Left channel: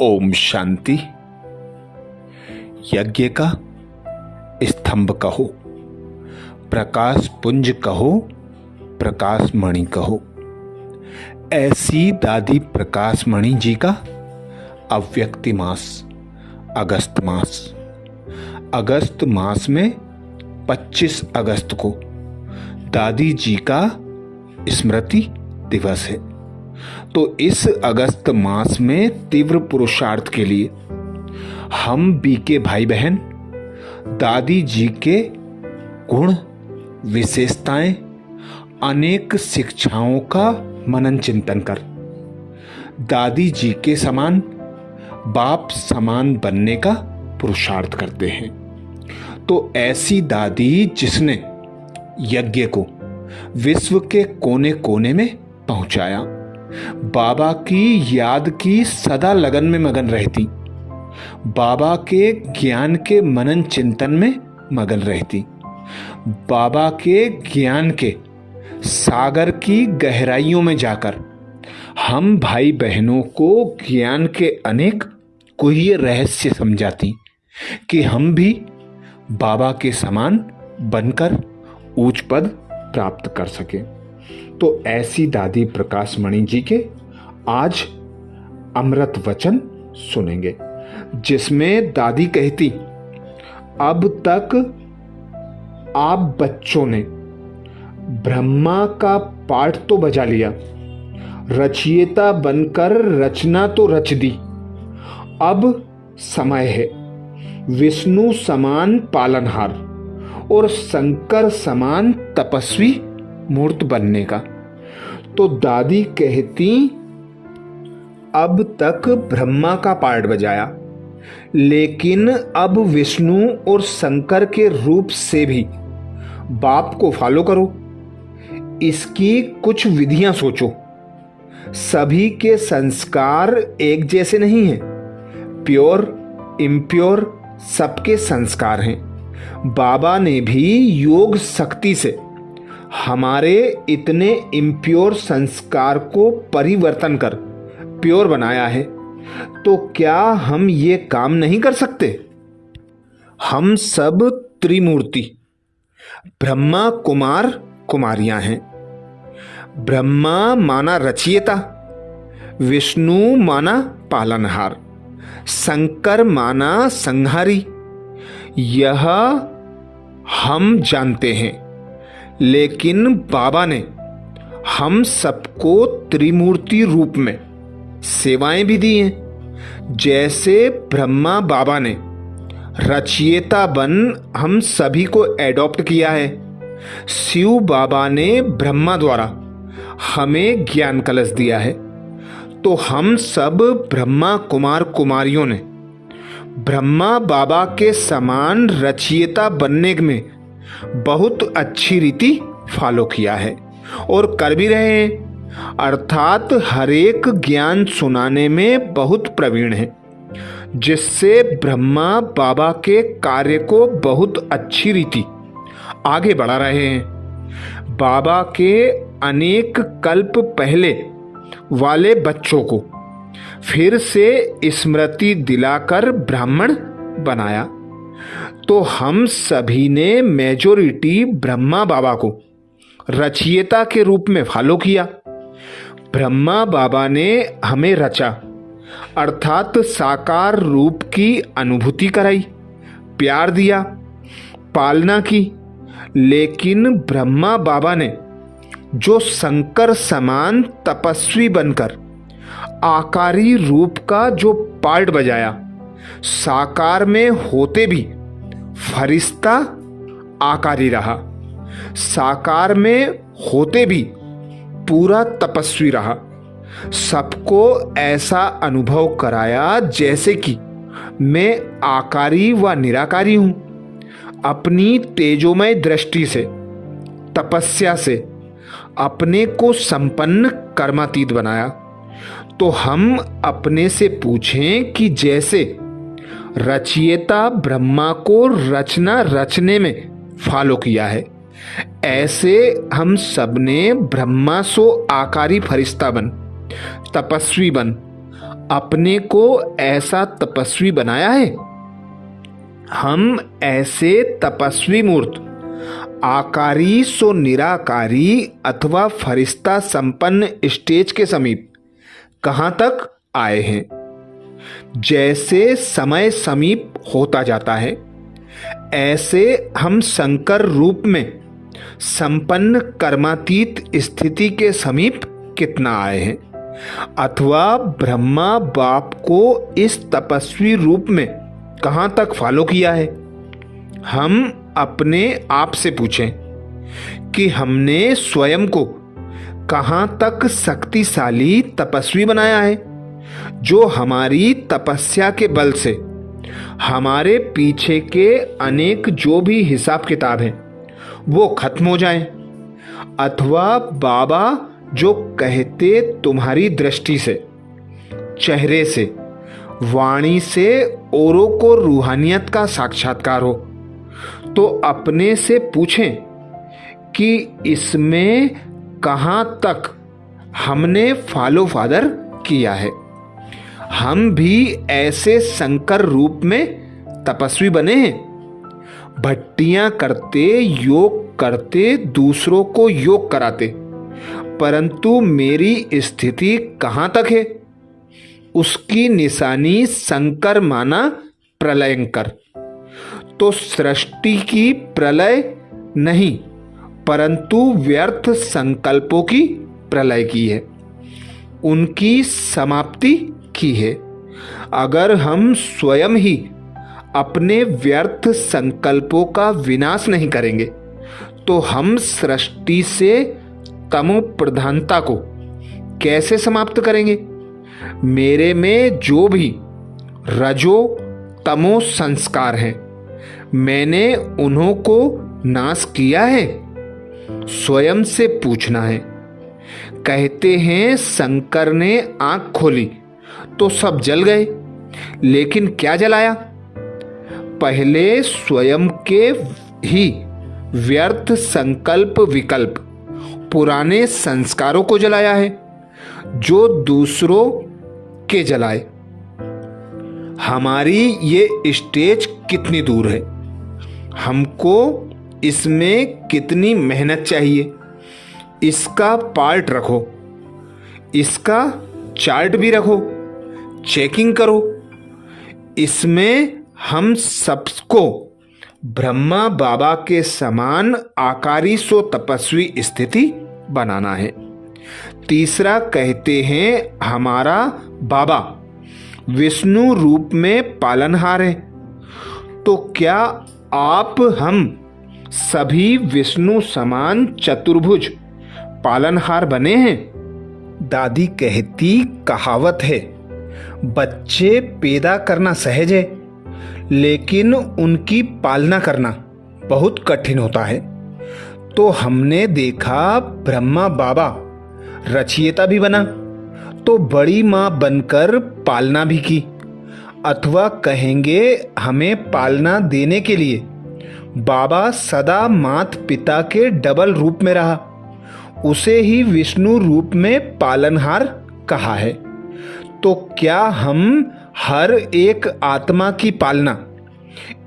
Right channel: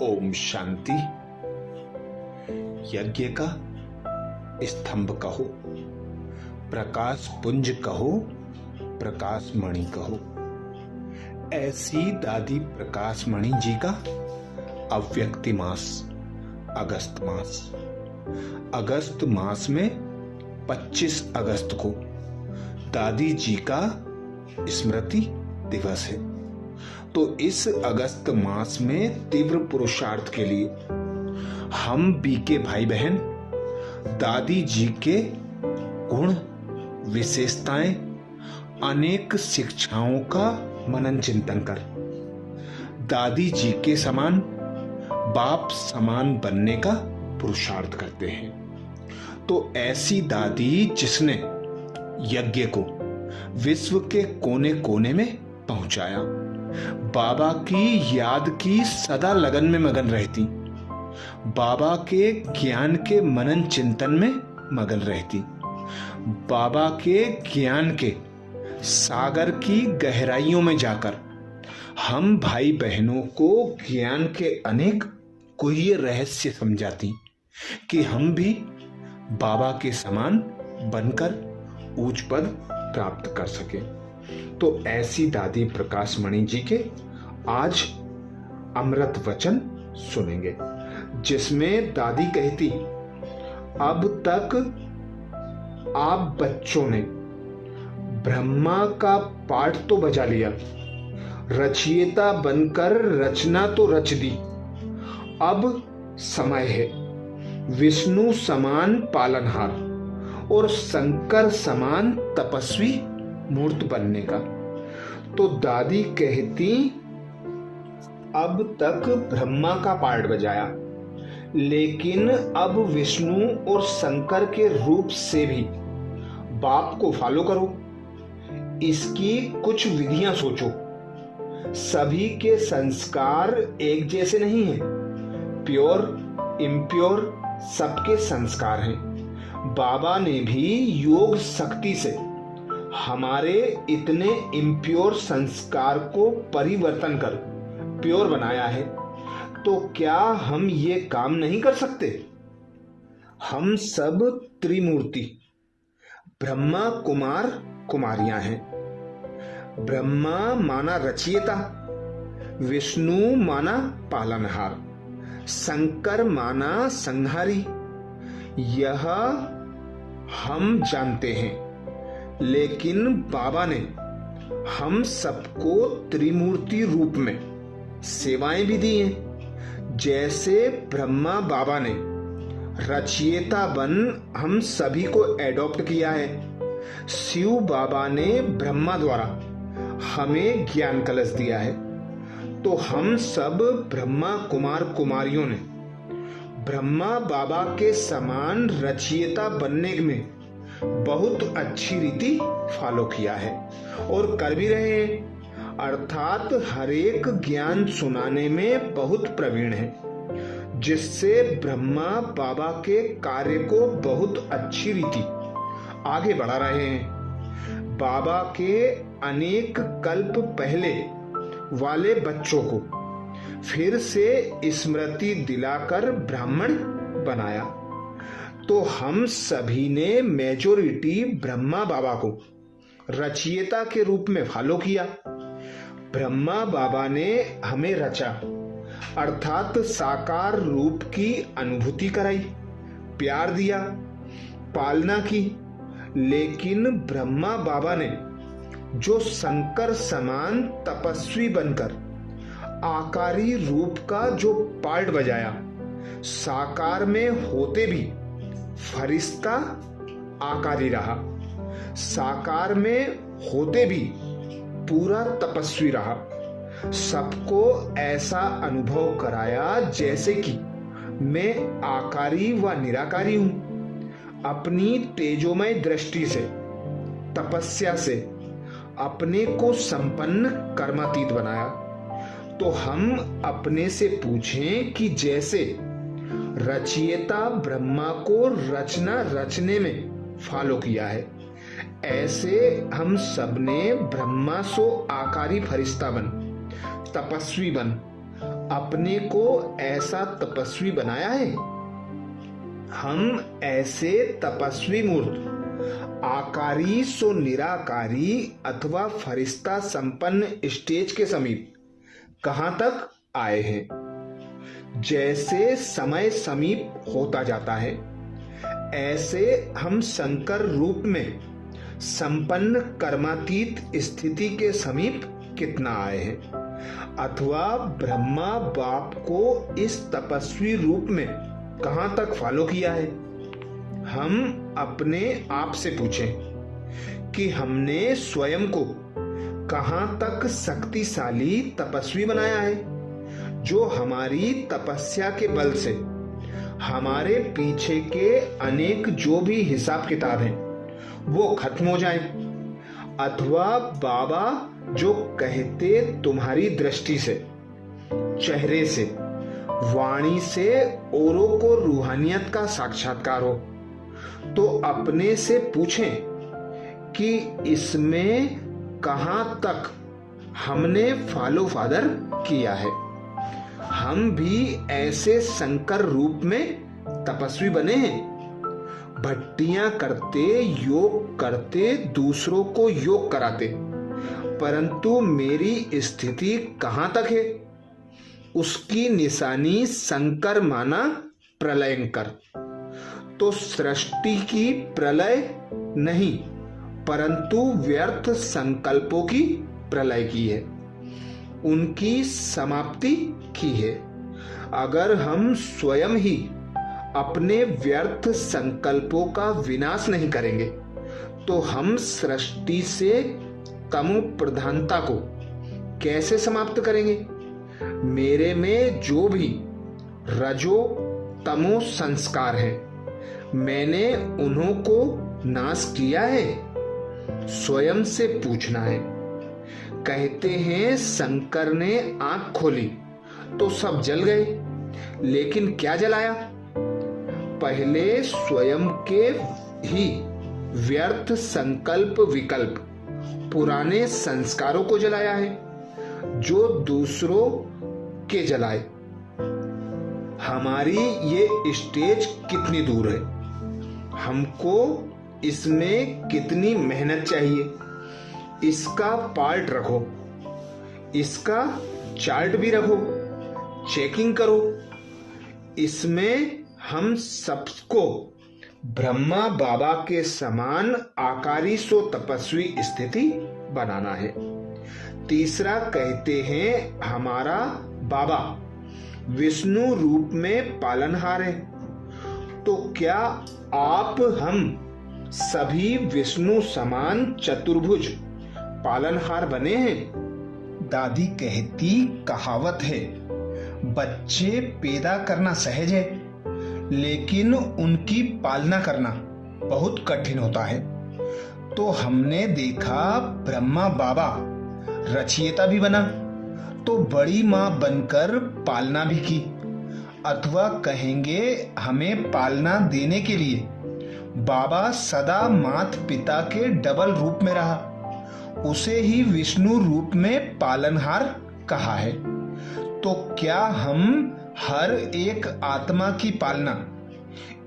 ओम शांति। यज्ञ का स्तंभ कहो, प्रकाश पुंज कहो, प्रकाश मणि कहो, ऐसी दादी प्रकाश मणि जी का अव्यक्ति मास अगस्त मास। अगस्त मास में 25 अगस्त को दादी जी का स्मृति दिवस है। तो इस अगस्त मास में तीव्र पुरुषार्थ के लिए हम बीके भाई बहन दादी जी के गुण, विशेषताएं, अनेक शिक्षाओं का मनन चिंतन कर दादी जी के समान, बाप समान बनने का पुरुषार्थ करते हैं। तो ऐसी दादी जिसने यज्ञ को विश्व के कोने कोने में पहुंचाया, बाबा की याद की सदा लगन में मगन रहती, बाबा के ज्ञान के मनन चिंतन में मगन रहती, बाबा के ज्ञान के सागर की गहराइयों में जाकर हम भाई बहनों को ज्ञान के अनेक गुह्य रहस्य समझाती कि हम भी बाबा के समान बनकर उच्च पद प्राप्त कर सके। तो ऐसी दादी प्रकाश मणि जी के आज अमृत वचन सुनेंगे, जिसमें दादी कहती, अब तक आप बच्चों ने ब्रह्मा का पाठ तो बजा लिया, रचयिता बनकर रचना तो रच दी। अब समय है विष्णु समान पालनहार और शंकर समान तपस्वी मूर्त बनने का। तो दादी कहती, अब तक ब्रह्मा का पाठ बजाया, लेकिन अब विष्णु और शंकर के रूप से भी बाप को फॉलो करो। इसकी कुछ विधियां सोचो। सभी के संस्कार एक जैसे नहीं हैं, प्योर इम्प्योर सबके संस्कार हैं। बाबा ने भी योग शक्ति से हमारे इतने इम्प्योर संस्कार को परिवर्तन कर प्योर बनाया है। तो क्या हम ये काम नहीं कर सकते? हम सब त्रिमूर्ति ब्रह्मा कुमार कुमारियां हैं। ब्रह्मा माना रचयिता, विष्णु माना पालनहार, शंकर माना संहारी। यह हम जानते हैं, लेकिन बाबा ने हम सबको त्रिमूर्ति रूप में सेवाएं भी दी हैं। जैसे ब्रह्मा बाबा ने रचयिता बन हम सभी को एडॉप्ट किया है, शिव बाबा ने ब्रह्मा द्वारा हमें ज्ञान कलश दिया है। तो हम सब ब्रह्मा कुमार कुमारियों ने ब्रह्मा बाबा के समान रचयिता बनने में बहुत अच्छी रीति फॉलो किया है और कर भी रहे हैं। अर्थात हर एक ज्ञान सुनाने में बहुत प्रवीण है, जिससे ब्रह्मा बाबा के कार्य को बहुत अच्छी रीति आगे बढ़ा रहे हैं। बाबा के अनेक कल्प पहले वाले बच्चों को फिर से स्मृति दिलाकर ब्राह्मण बनाया। तो हम सभी ने मेजॉरिटी ब्रह्मा बाबा को रचयिता के रूप में फॉलो किया। ब्रह्मा बाबा ने हमें रचा, अर्थात साकार रूप की अनुभूति कराई, प्यार दिया, पालना की। लेकिन ब्रह्मा बाबा ने जो शंकर समान तपस्वी बनकर आकारी रूप का जो पार्ट बजाया, साकार में होते भी फरिश्ता आकारी रहा, साकार में होते भी पूरा तपस्वी रहा। सबको ऐसा अनुभव कराया जैसे कि मैं आकारी व निराकारी हूं। अपनी तेजोमय दृष्टि से, तपस्या से अपने को संपन्न कर्मातीत बनाया। तो हम अपने से पूछें कि जैसे रचयिता ब्रह्मा को रचना रचने में फॉलो किया है, ऐसे हम सबने ब्रह्मा सो आकारी फरिश्ता बन, तपस्वी बन, अपने को ऐसा तपस्वी बनाया है। हम ऐसे तपस्वी मूर्त आकारी सो निराकारी अथवा फरिश्ता संपन्न स्टेज के समीप कहाँ तक आए हैं। जैसे समय समीप होता जाता है, ऐसे हम शंकर रूप में संपन्न कर्मातीत स्थिति के समीप कितना आए हैं, अथवा ब्रह्मा बाप को इस तपस्वी रूप में कहाँ तक फॉलो किया है। हम अपने आप से पूछें कि हमने स्वयं को कहाँ तक शक्तिशाली तपस्वी बनाया है, जो हमारी तपस्या के बल से हमारे पीछे के अनेक जो भी हिसाब किताब हैं वो खत्म हो जाएं, अथवा बाबा जो कहते तुम्हारी दृष्टि से, चेहरे से, वाणी से औरों को रूहानियत का साक्षात्कार हो, तो अपने से पूछें कि इसमें कहाँ तक हमने फॉलो फादर किया है। हम भी ऐसे शंकर रूप में तपस्वी बने हैं, भट्टियां करते, योग करते, दूसरों को योग कराते, परंतु मेरी स्थिति कहाँ तक है, उसकी निशानी शंकर माना प्रलयंकर। तो सृष्टि की प्रलय नहीं, परंतु व्यर्थ संकल्पों की प्रलय की है, उनकी समाप्ति की है। अगर हम स्वयं ही अपने व्यर्थ संकल्पों का विनाश नहीं करेंगे, तो हम सृष्टि से तमो प्रधानता को कैसे समाप्त करेंगे। मेरे में जो भी रजो तमो संस्कार हैं, मैंने उन्हों को नाश किया है। स्वयं से पूछना है। कहते हैं शंकर ने आंख खोली तो सब जल गए, लेकिन क्या जलाया? पहले स्वयं के ही व्यर्थ संकल्प विकल्प, पुराने संस्कारों को जलाया है, जो दूसरों के जलाए। हमारी ये स्टेज कितनी दूर है, हमको इसमें कितनी मेहनत चाहिए, इसका पार्ट रखो, इसका चार्ट भी रखो, चेकिंग करो। इसमें हम सबको ब्रह्मा बाबा के समान आकारी सो तपस्वी स्थिति बनाना है। तीसरा कहते हैं हमारा बाबा विष्णु रूप में पालनहार है। तो क्या आप हम सभी विष्णु समान चतुर्भुज पालनहार बने हैं? दादी कहती कहावत है, बच्चे पैदा करना सहज है, लेकिन उनकी पालना करना बहुत कठिन होता है। तो हमने देखा ब्रह्मा बाबा रचयिता भी बना, तो बड़ी माँ बनकर पालना भी की, अथवा कहेंगे हमें पालना देने के लिए बाबा सदा मात पिता के डबल रूप में रहा, उसे ही विष्णु रूप में पालनहार कहा है। तो क्या हम हर एक आत्मा की पालना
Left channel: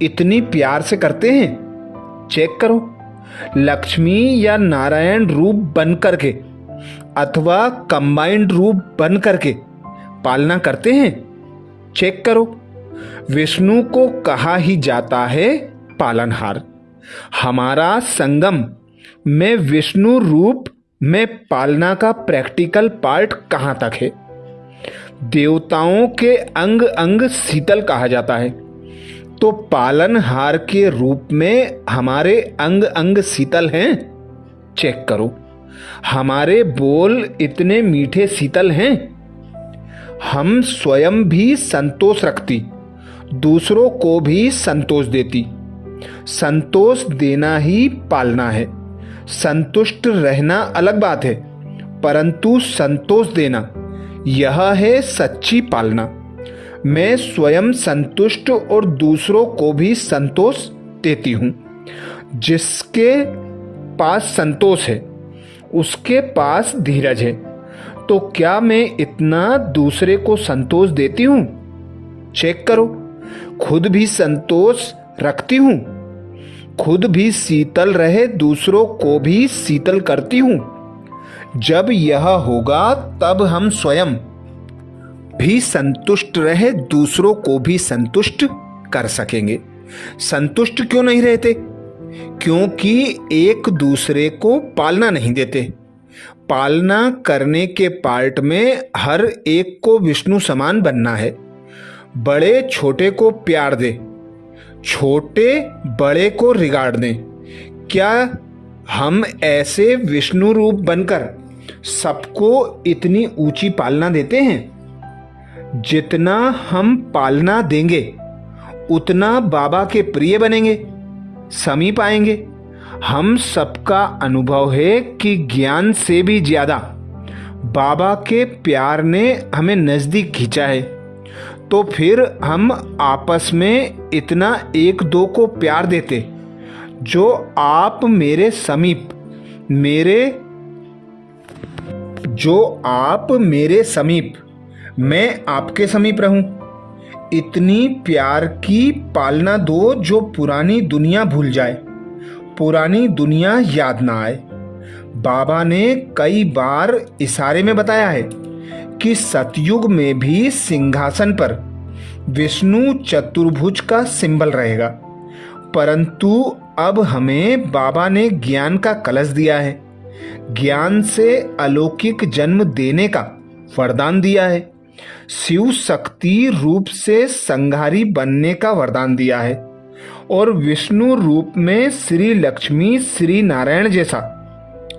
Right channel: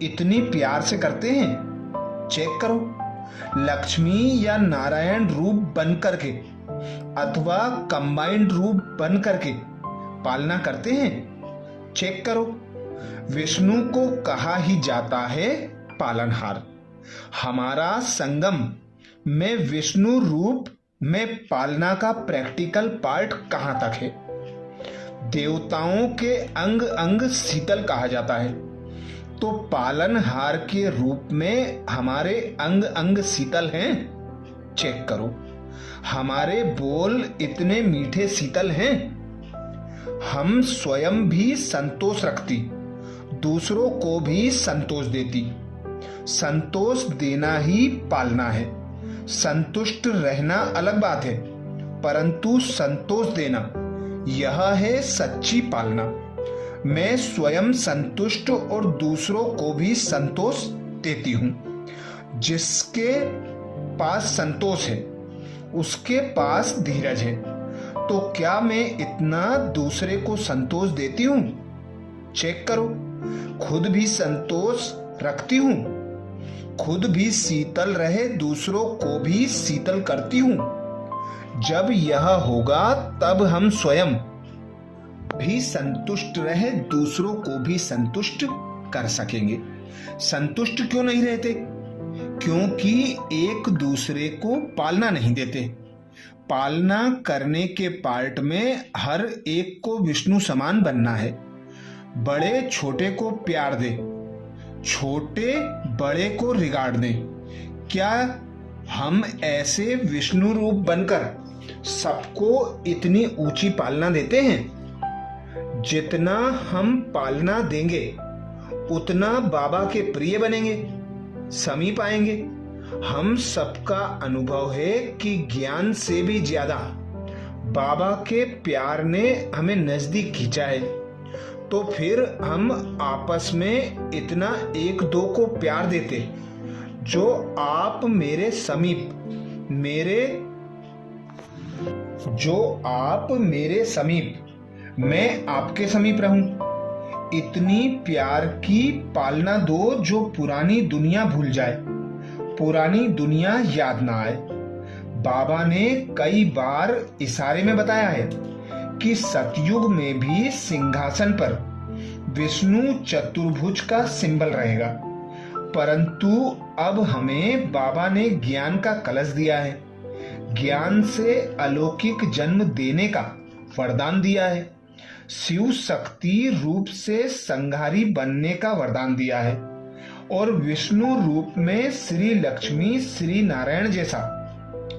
इतनी प्यार से करते हैं? चेक करो, लक्ष्मी या नारायण रूप बन करके अथवा कंबाइंड रूप बन करके पालना करते हैं? चेक करो। विष्णु को कहा ही जाता है पालनहार। हमारा संगम में विष्णु रूप में पालना का प्रैक्टिकल पार्ट कहाँ तक है? देवताओं के अंग अंग शीतल कहा जाता है, तो पालनहार के रूप में हमारे अंग अंग शीतल हैं? चेक करो। हमारे बोल इतने मीठे शीतल हैं? हम स्वयं भी संतोष रखती, दूसरों को भी संतोष देती। संतोष देना ही पालना है। संतुष्ट रहना अलग बात है, परंतु संतोष देना यह है सच्ची पालना। मैं स्वयं संतुष्ट और दूसरों को भी संतोष देती हूँ। जिसके पास संतोष है उसके पास धीरज है, तो क्या मैं इतना दूसरे को संतोष देती हूं? चेक करो, खुद भी संतोष रखती हूं, खुद भी शीतल रहे दूसरों को भी शीतल करती हूं। जब यह होगा तब हम स्वयं भी संतुष्ट रहे दूसरों को भी संतुष्ट कर सकेंगे। संतुष्ट क्यों नहीं रहते? क्योंकि एक दूसरे को पालना नहीं देते। पालना करने के पार्ट में हर एक को विष्णु समान बनना है। बड़े छोटे को प्यार दे, छोटे बड़े को रिगार्ड दें। क्या हम ऐसे विष्णु रूप बनकर सबको इतनी ऊंची पालना देते हैं? जितना हम पालना देंगे उतना बाबा के प्रिय बनेंगे, समीप आएंगे। हम सबका अनुभव है कि ज्ञान से भी ज्यादा बाबा के प्यार ने हमें नजदीक खींचा है। तो फिर हम आपस में इतना एक दो को प्यार देते, जो आप मेरे समीप, मैं आपके समीप रहूं। इतनी प्यार की पालना दो जो पुरानी दुनिया भूल जाए, पुरानी दुनिया याद ना आए। बाबा ने कई बार इशारे में बताया है कि सतयुग में भी सिंहासन पर विष्णु चतुर्भुज का सिंबल रहेगा, परंतु अब हमें बाबा ने ज्ञान का कलश दिया है, ज्ञान से अलौकिक जन्म देने का वरदान दिया है, शिव शक्ति रूप से संहारी बनने का वरदान दिया है, और विष्णु रूप में श्री लक्ष्मी श्री नारायण जैसा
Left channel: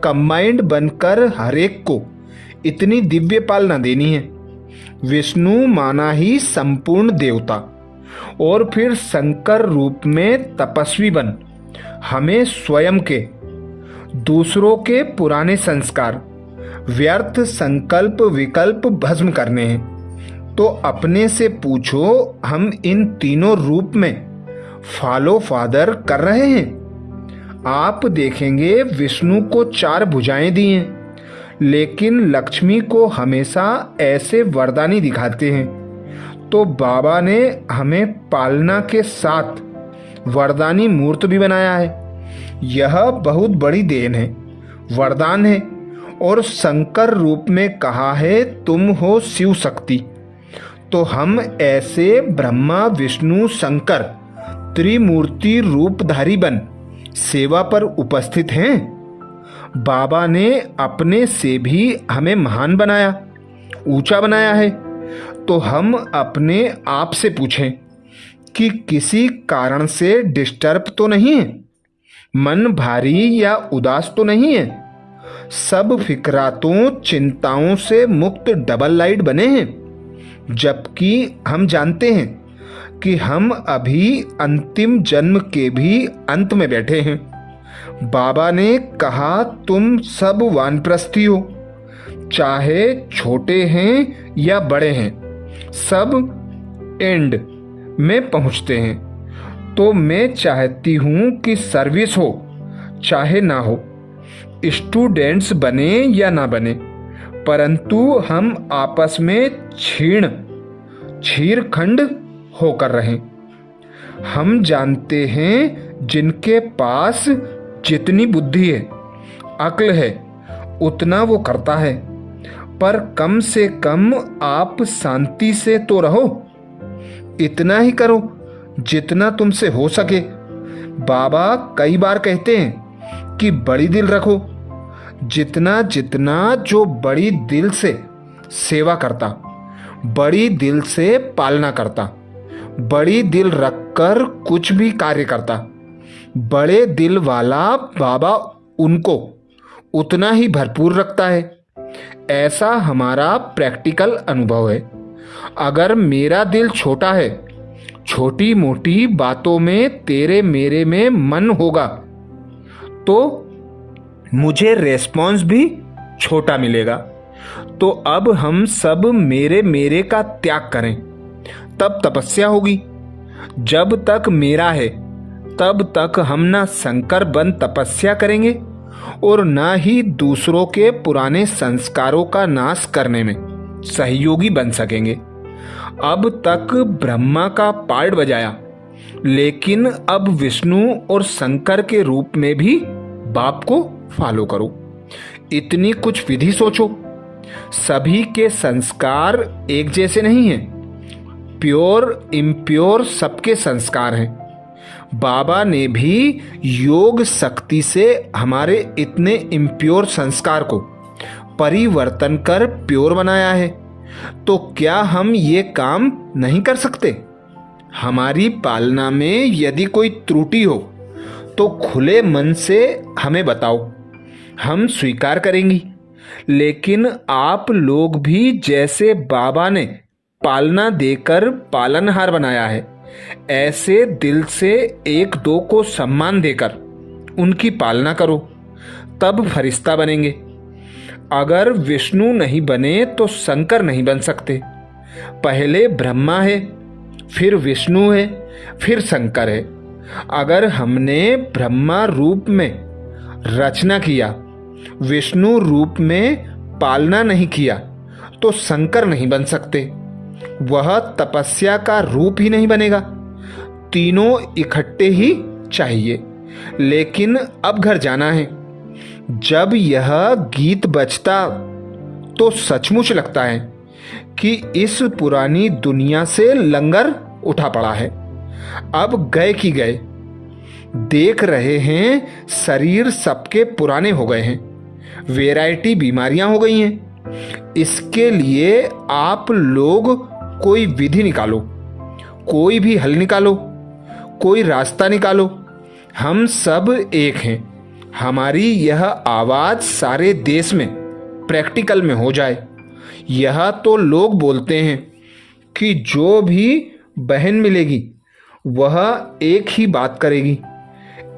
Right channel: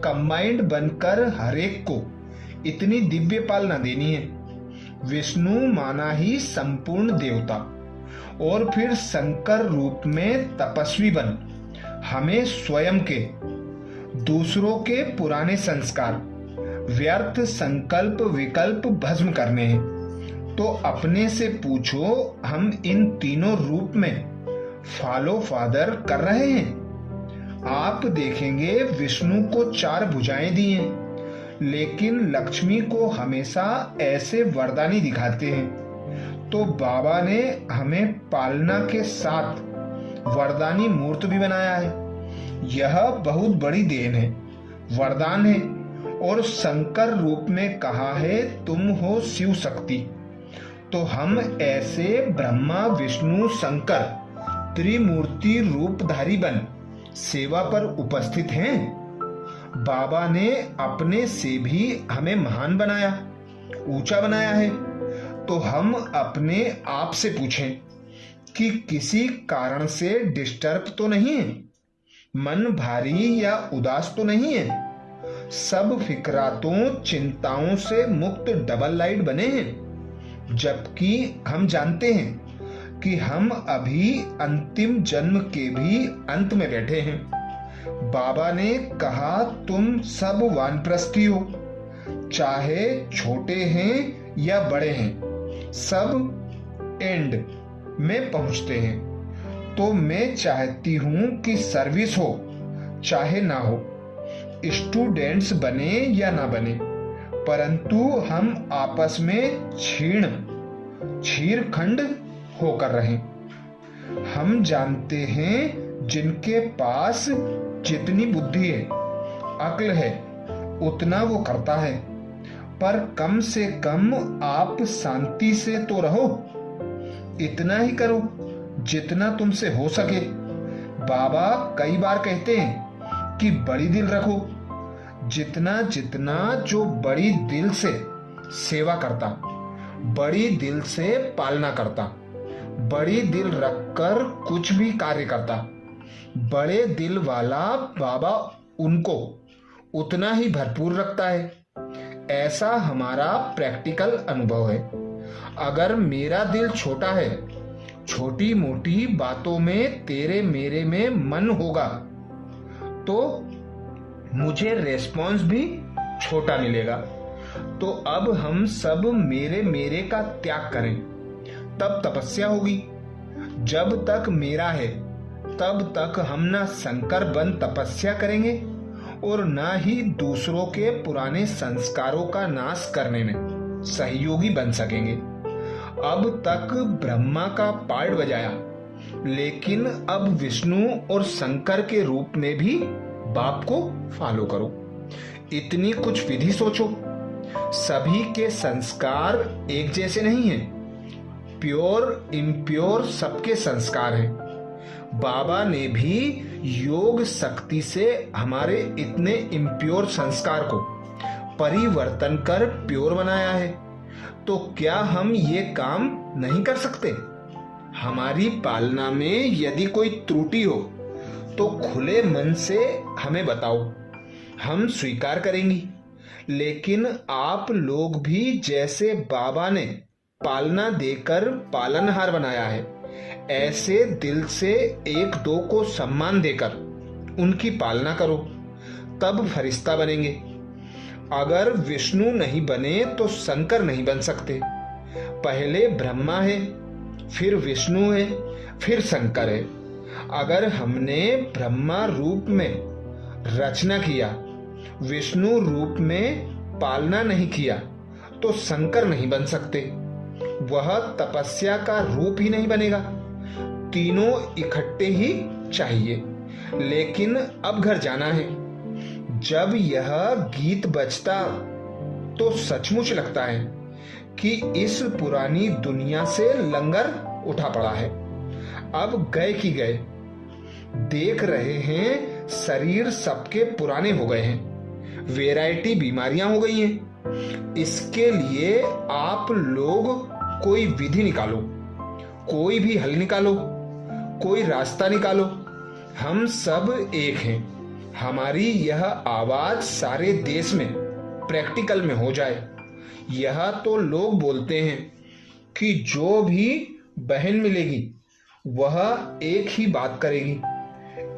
कंबाइंड बनकर हरेक को इतनी दिव्य पालना देनी है। विष्णु माना ही संपूर्ण देवता, और फिर शंकर रूप में तपस्वी बन हमें स्वयं के, दूसरों के पुराने संस्कार, व्यर्थ संकल्प विकल्प भस्म करने हैं। तो अपने से पूछो, हम इन तीनों रूप में फॉलो फादर कर रहे हैं? आप देखेंगे विष्णु को 4 भुजाएं दी हैं, लेकिन लक्ष्मी को हमेशा ऐसे वरदानी दिखाते हैं। तो बाबा ने हमें पालना के साथ वरदानी मूर्त भी बनाया है। यह बहुत बड़ी देन है, वरदान है। और शंकर रूप में कहा है तुम हो शिव शक्ति। तो हम ऐसे ब्रह्मा विष्णु शंकर त्रिमूर्ति रूपधारी बन सेवा पर उपस्थित हैं। बाबा ने अपने से भी हमें महान बनाया, ऊंचा बनाया है। तो हम अपने आप से पूछें कि किसी कारण से डिस्टर्ब तो नहीं है, मन भारी या उदास तो नहीं है, सब फिक्रातों चिंताओं से मुक्त डबल लाइट बने हैं। जबकि हम जानते हैं कि हम अभी अंतिम जन्म के भी अंत में बैठे हैं। बाबा ने कहा तुम सब वानप्रस्थी हो, चाहे छोटे हैं या बड़े हैं, सब एंड में पहुंचते हैं। तो मैं चाहती हूं कि सर्विस हो चाहे ना हो, स्टूडेंट्स बने या ना बने, परंतु हम आपस में छीरखंड होकर रहें। हम जानते हैं जिनके पास जितनी बुद्धि है, अक्ल है, उतना वो करता है, पर कम से कम आप शांति से तो रहो। इतना ही करो जितना तुमसे हो सके। बाबा कई बार कहते हैं कि बड़ी दिल रखो। जितना जितना जो बड़ी दिल से सेवा करता, बड़ी दिल से पालना करता, बड़ी दिल रखकर कुछ भी कार्य करता, बड़े दिल वाला बाबा उनको उतना ही भरपूर रखता है। ऐसा हमारा प्रैक्टिकल अनुभव है। अगर मेरा दिल छोटा है, छोटी मोटी बातों में तेरे मेरे में मन होगा, तो मुझे रेस्पॉन्स भी छोटा मिलेगा। तो अब हम सब मेरे मेरे का त्याग करें, तब तपस्या होगी। जब तक मेरा है तब तक हम ना शंकर बन तपस्या करेंगे और न ही दूसरों के पुराने संस्कारों का नाश करने में सहयोगी बन सकेंगे। अब तक ब्रह्मा का पार्ट बजाया, लेकिन अब विष्णु और शंकर के रूप में भी बाप को फॉलो करो। इतनी कुछ विधि सोचो। सभी के संस्कार एक जैसे नहीं हैं। प्योर इम्प्योर सबके संस्कार हैं। बाबा ने भी योग शक्ति से हमारे इतने इम्प्योर संस्कार को परिवर्तन कर प्योर बनाया है। तो क्या हम ये काम नहीं कर सकते? हमारी पालना में यदि कोई त्रुटि हो तो खुले मन से हमें बताओ, हम स्वीकार करेंगी। लेकिन आप लोग भी जैसे बाबा ने पालना देकर पालनहार बनाया है, ऐसे दिल से एक दो को सम्मान देकर उनकी पालना करो, तब फरिश्ता बनेंगे। अगर विष्णु नहीं बने तो शंकर नहीं बन सकते। पहले ब्रह्मा है, फिर विष्णु है, फिर शंकर है। अगर हमने ब्रह्मा रूप में रचना किया, विष्णु रूप में पालना नहीं किया, तो शंकर नहीं बन सकते। वह तपस्या का रूप ही नहीं बनेगा। तीनों इकट्ठे ही चाहिए। लेकिन अब घर जाना है। जब यह गीत बजता तो सचमुच लगता है कि इस पुरानी दुनिया से लंगर उठा पड़ा है। अब गए कि गए। देख रहे हैं शरीर सबके पुराने हो गए हैं, वैरायटी बीमारियां हो गई हैं। इसके लिए आप लोग कोई विधि निकालो, कोई भी हल निकालो, कोई रास्ता निकालो। हम सब एक हैं। हमारी यह आवाज सारे देश में प्रैक्टिकल में हो जाए। यह तो लोग बोलते हैं कि जो भी बहन मिलेगी वह एक ही बात करेगी।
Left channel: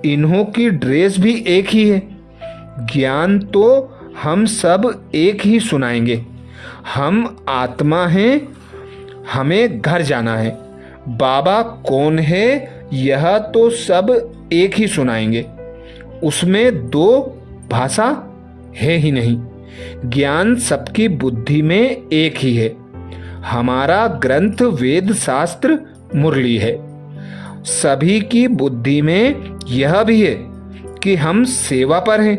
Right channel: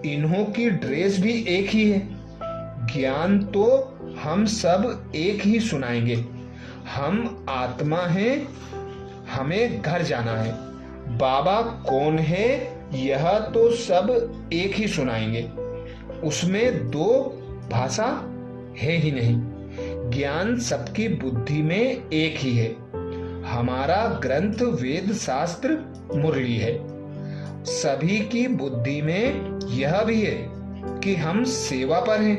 इन्हों की ड्रेस भी एक ही है। ज्ञान तो हम सब एक ही सुनाएंगे। हम आत्मा हैं, हमें घर जाना है। बाबा कौन है यह तो सब एक ही सुनाएंगे। उसमें दो भाषा है ही नहीं। ज्ञान सबकी बुद्धि में एक ही है। हमारा ग्रंथ वेद शास्त्र मुरली है। सभी की बुद्धि में यह भी है कि हम सेवा पर हैं।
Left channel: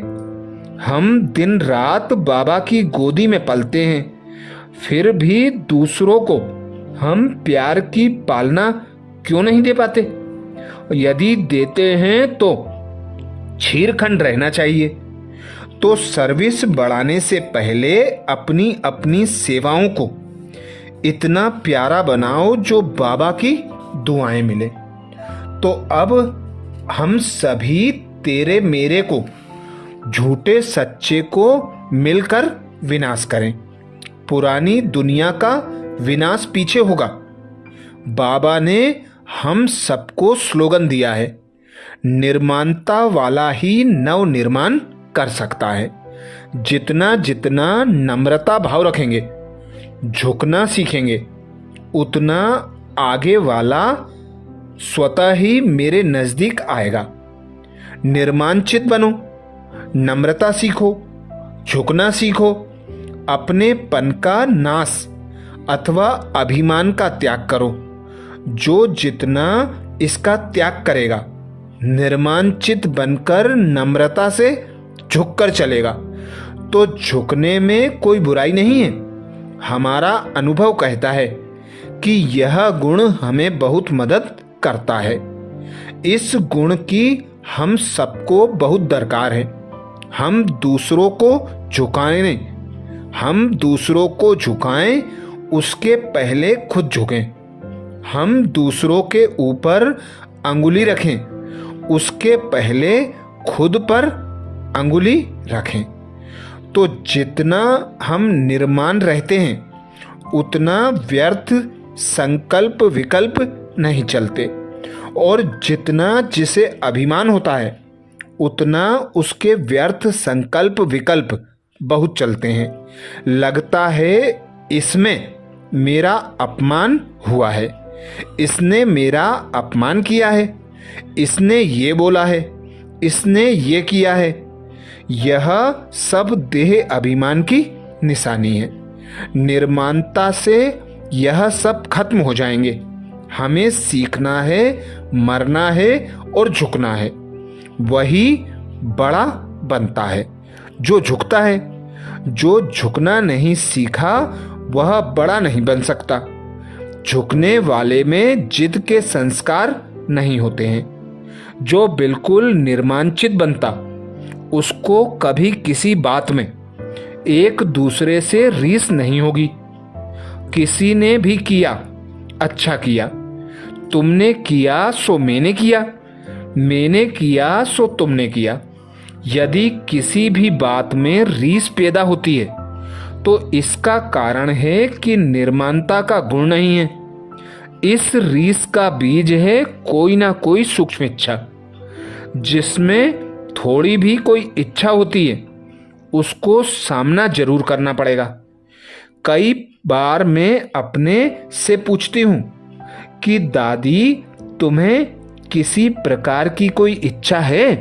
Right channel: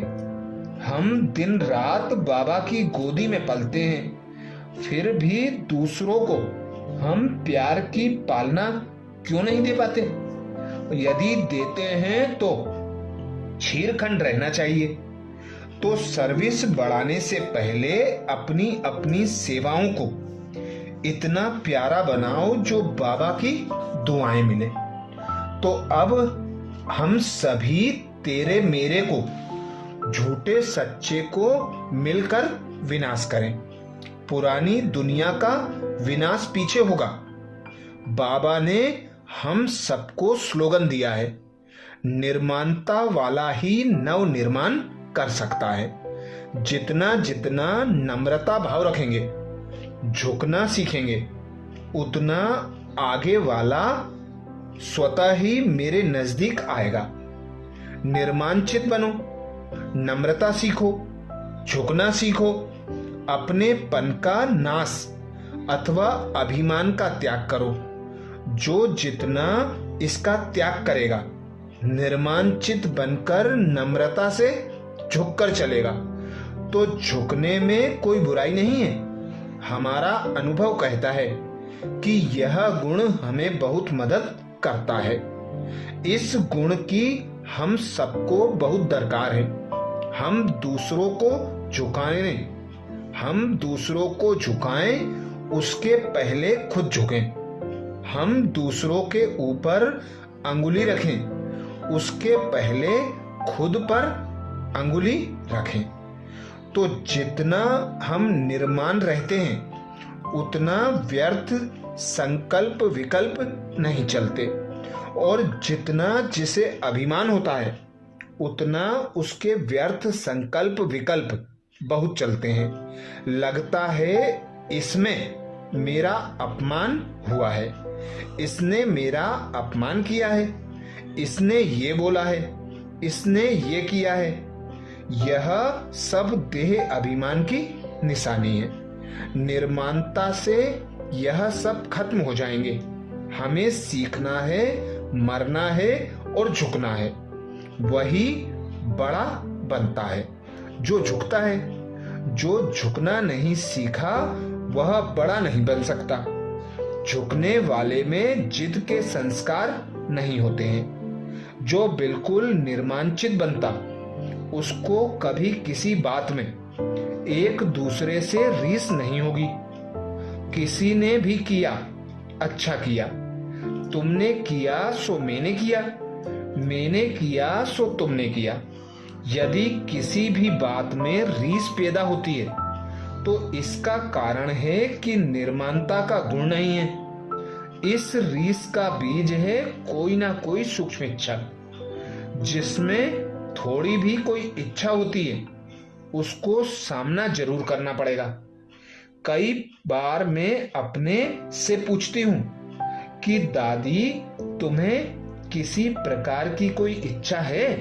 हम दिन रात बाबा की गोदी में पलते हैं, फिर भी दूसरों को हम प्यार की पालना क्यों नहीं दे पाते? यदि देते हैं तो छीरखंड रहना चाहिए। तो सर्विस बढ़ाने से पहले अपनी अपनी सेवाओं को इतना प्यारा बनाओ जो बाबा की दुआएं मिले। तो अब हम सभी तेरे मेरे को, झूठे सच्चे को मिलकर विनाश करें। पुरानी दुनिया का विनाश पीछे होगा। बाबा ने हम सबको स्लोगन दिया है, निर्माणता वाला ही नव निर्माण कर सकता है। जितना जितना नम्रता भाव रखेंगे, झुकना सीखेंगे, उतना आगे वाला स्वतः ही मेरे नजदीक आएगा। निर्माणचित बनो, नम्रता सीखो, झुकना सीखो, अपने पन का नाश अथवा अभिमान का त्याग करो। जो जितना इसका त्याग करेगा, निर्माणचित बनकर नम्रता से झुककर चलेगा, तो झुकने में कोई बुराई नहीं है। हमारा अनुभव कहता है कि यह गुण हमें बहुत मदद करता है। इस गुण की हम सबको बहुत दरकार है। हम दूसरों को झुकाएं, हम दूसरों को झुकाएं, उसके पहले खुद झुकें। हम दूसरों के ऊपर अंगुली रखें, उसके पहले खुद पर अंगुली रखें। तो जितना हम निर्माण रहते हैं, उतना व्यर्थ संकल्प विकल्प नहीं चलते। और जितना जिसे अभिमान होता है, उतना उसके व्यर्थ संकल्प विकल्प बहुत चलते हैं। लगता है इसमें मेरा अपमान हुआ है, इसने मेरा अपमान किया है, इसने ये बोला है, इसने ये किया है। यह सब देह अभिमान की निशानी है। निर्माणता से यह सब खत्म हो जाएंगे। हमें सीखना है, मरना है और झुकना है। वही बड़ा बनता है जो झुकता है। जो झुकना नहीं सीखा वह बड़ा नहीं बन सकता। झुकने वाले में जिद के संस्कार नहीं होते हैं। जो बिल्कुल निर्मांचित बनता, उसको कभी किसी बात में एक दूसरे से रीस नहीं होगी। किसी ने भी किया, अच्छा किया। तुमने किया सो मैंने किया, मैंने किया सो तुमने किया। यदि किसी भी बात में रीस पैदा होती है तो इसका कारण है कि निर्माणता का गुण नहीं है। इस रीस का बीज है कोई ना कोई सूक्ष्म इच्छा। जिसमें थोड़ी भी कोई इच्छा होती है उसको सामना जरूर करना पड़ेगा। कई बार मैं अपने से पूछती हूँ कि दादी, तुम्हें किसी प्रकार की कोई इच्छा है?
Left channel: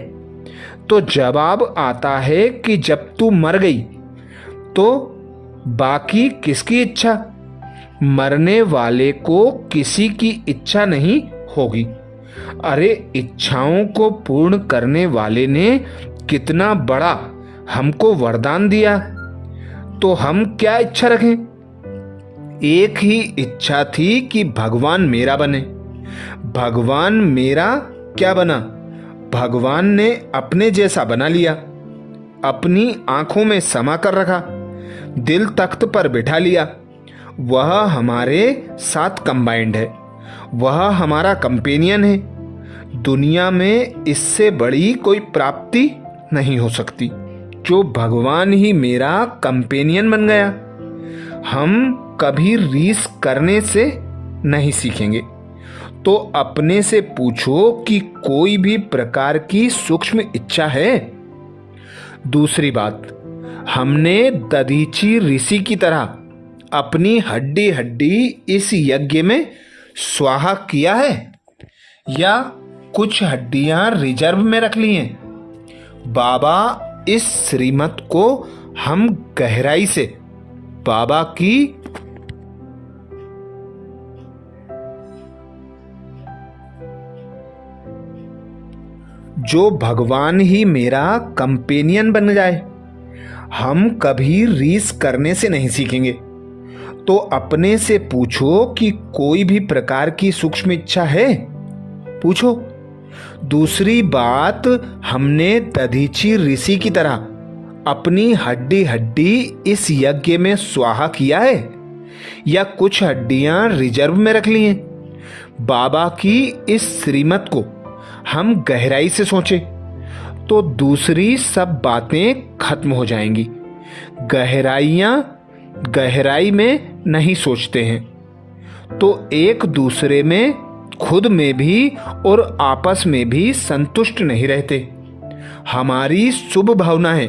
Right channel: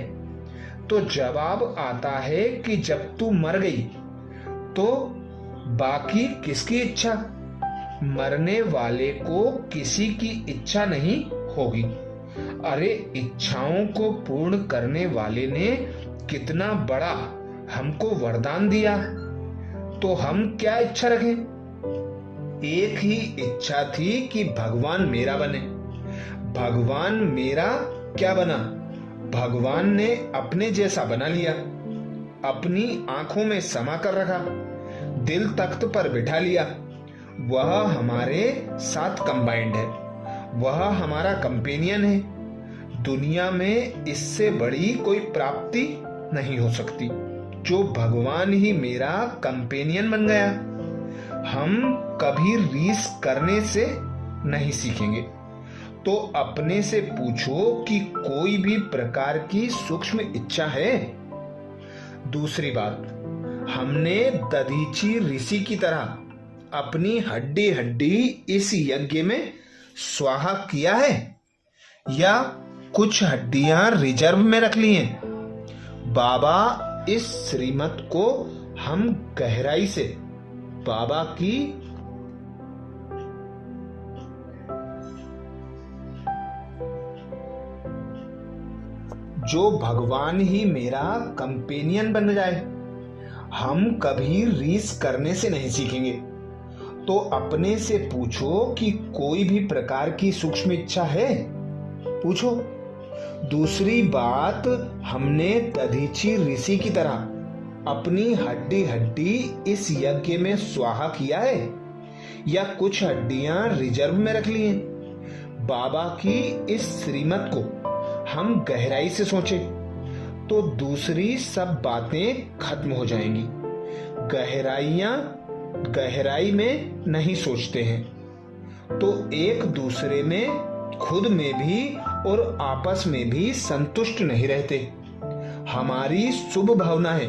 तो जवाब आता है कि जब तू मर गई तो बाकी किसकी इच्छा? मरने वाले को किसी की इच्छा नहीं होगी। अरे, इच्छाओं को पूर्ण करने वाले ने कितना बड़ा हमको वरदान दिया, तो हम क्या इच्छा रखें? एक ही इच्छा थी कि भगवान मेरा बने। भगवान मेरा क्या बना? भगवान ने अपने जैसा बना लिया, अपनी आंखों में समा कर रखा, दिल तख्त पर बिठा लिया। वह हमारे साथ कंबाइंड है, वह हमारा कंपेनियन है। दुनिया में इससे बड़ी कोई प्राप्ति नहीं हो सकती। जो भगवान ही मेरा कंपेनियन बन गया। हम कभी रीस करने से नहीं सीखेंगे। तो अपने से पूछो कि कोई भी प्रकार की सूक्ष्म इच्छा है? दूसरी बात, हमने दधीची ऋषि की तरह अपनी हड्डी हड्डी इस यज्ञ में स्वाहा किया है या कुछ हड्डियां रिजर्व में रख ली हैं? बाबा, इस श्रीमत को हम गहराई से बाबा की जो भगवान ही मेरा कंपेनियन बन जाए। हम कभी रीस करने से नहीं सीखेंगे। तो अपने से पूछो कि कोई भी प्रकार की सूक्ष्म इच्छा है? पूछो। दूसरी बात, हमने दधीची ऋषि की तरह अपनी हड्डी हड्डी इस यज्ञ में स्वाहा किया है या कुछ हड्डियां रिजर्व में रख ली हैं? बाबा की इस श्रीमत को हम गहराई से सोचें तो दूसरी सब बातें खत्म हो जाएंगी। गहराई में नहीं सोचते हैं तो एक दूसरे में, खुद में भी और आपस में भी संतुष्ट नहीं रहते। हमारी शुभ भावना है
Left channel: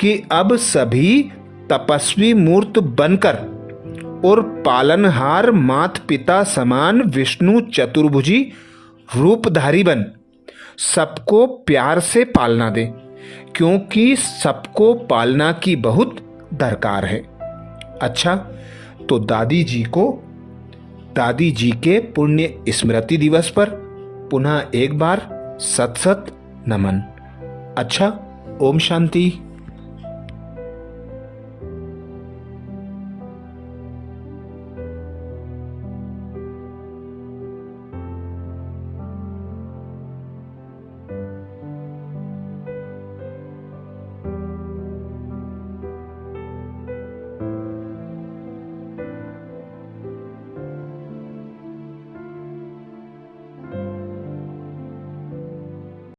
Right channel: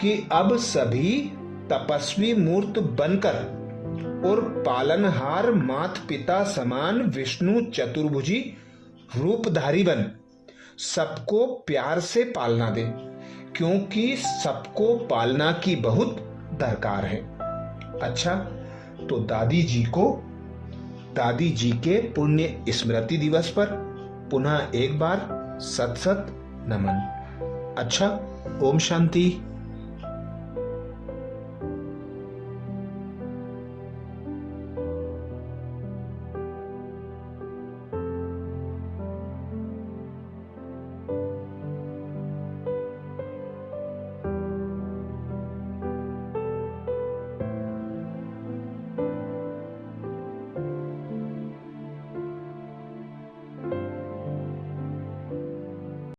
कि अब सभी तपस्वी मूर्त बनकर और पालनहार मात पिता समान विष्णु चतुर्भुजी रूपधारी बन सबको प्यार से पालना दे, क्योंकि सबको पालना की बहुत दरकार है। अच्छा, तो दादी जी के पुण्य स्मृति दिवस पर पुनः एक बार सत सत नमन। अच्छा, ओम शांति।